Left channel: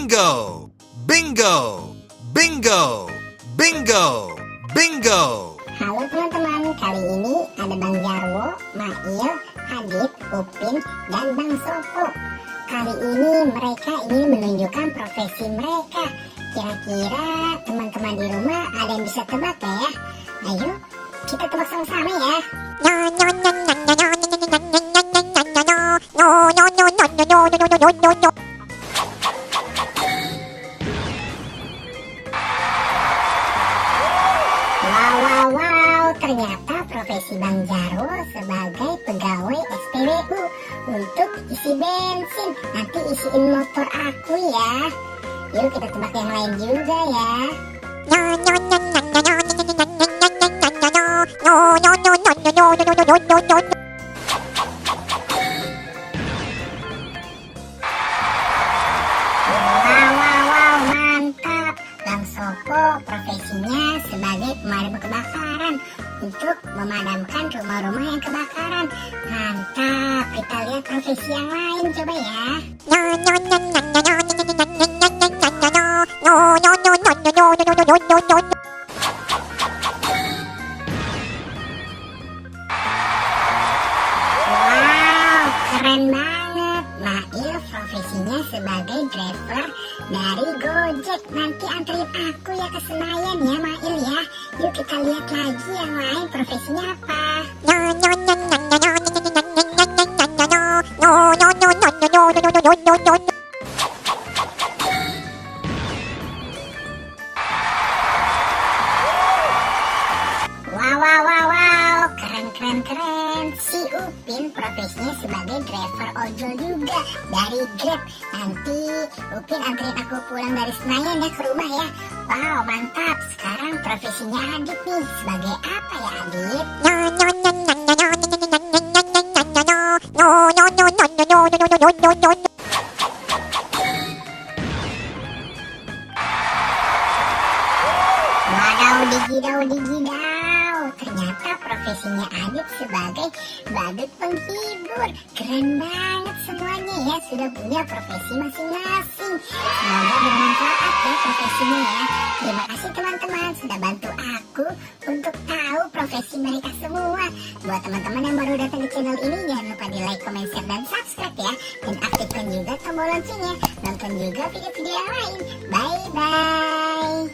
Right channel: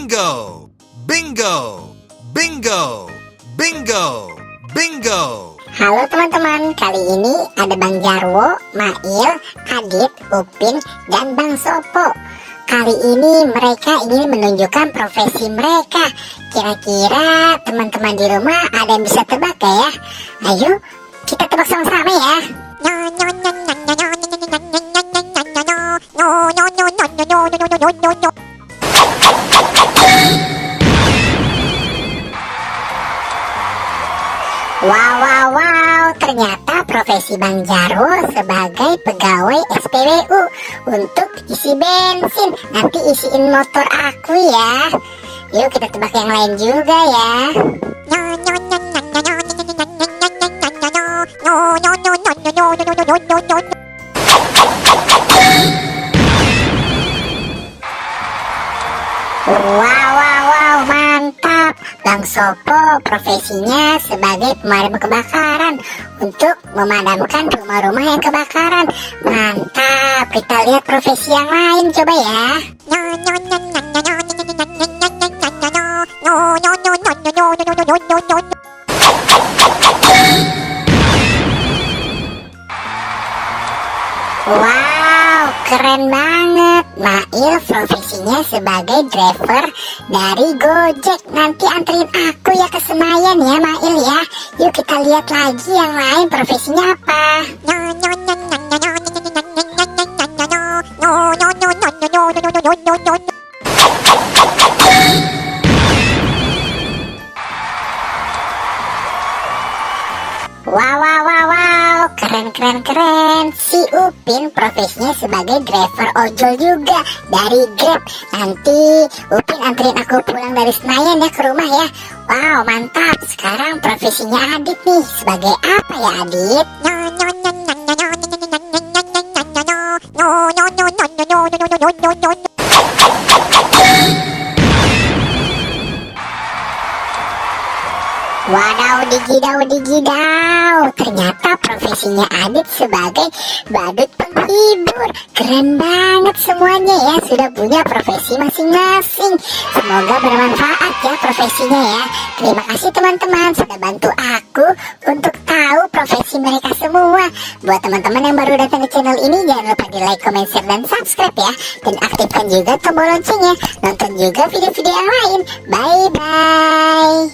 Bingo! Bingo! Bingo! Bingo! Bingo! Halo teman-teman, kali ini ada Bang Jarwo, Mail, Adit, Upin, dan Bang Sopo. Kali ini mereka ingin menunjukkan profesi mereka. Kira-kira teman-teman di rumah ada yang bisa tebak gak ya? Ayo, kita tebak sama-sama ya. Wow, ternyata profesi Bang Jarwo sebagai pegawai SPBU untuk isi bensin. Nanti isiin motor aku ya. Yuk kita tebak yang lain juga ya. Wow, mantap. Bang Sopo profesinya sebagai pemadam kebakaran untuk memadamkan rumah-rumah yang kebakaran. Mantap. Kita lihat profesi yang lain coba ya. Wow, keren banget. Mail profesinya sebagai driver dari Gojek. Nanti anterin aku ya ke Senayan ya Mail ya. Yuk kita lihat lagi yang lain profesinya apa. Wow, keren. Si Upin profesinya sebagai driver ojol juga dari Grab. Nanti Upin anterin aku pulang dari Senayan ya ke rumah ya. Wow, mantap. Sekarang profesinya Adit nih. Sebagai apa ya Adit? Wadaw digidau. Ternyata profesinya Adit sebagai badut penghibur. Keren banget semuanya ya. Sudah punya profesi masing-masing. Semoga bermanfaat ya profesinya ya. Terima kasih teman-teman sudah bantu aku untuk tahu profesi mereka semua. Buat teman-teman yang baru datang ke channel ini, jangan lupa di like, comment, share, dan subscribe ya. Dan aktifkan juga tombol loncengnya. Nonton juga video-video yang lain. Bye-bye.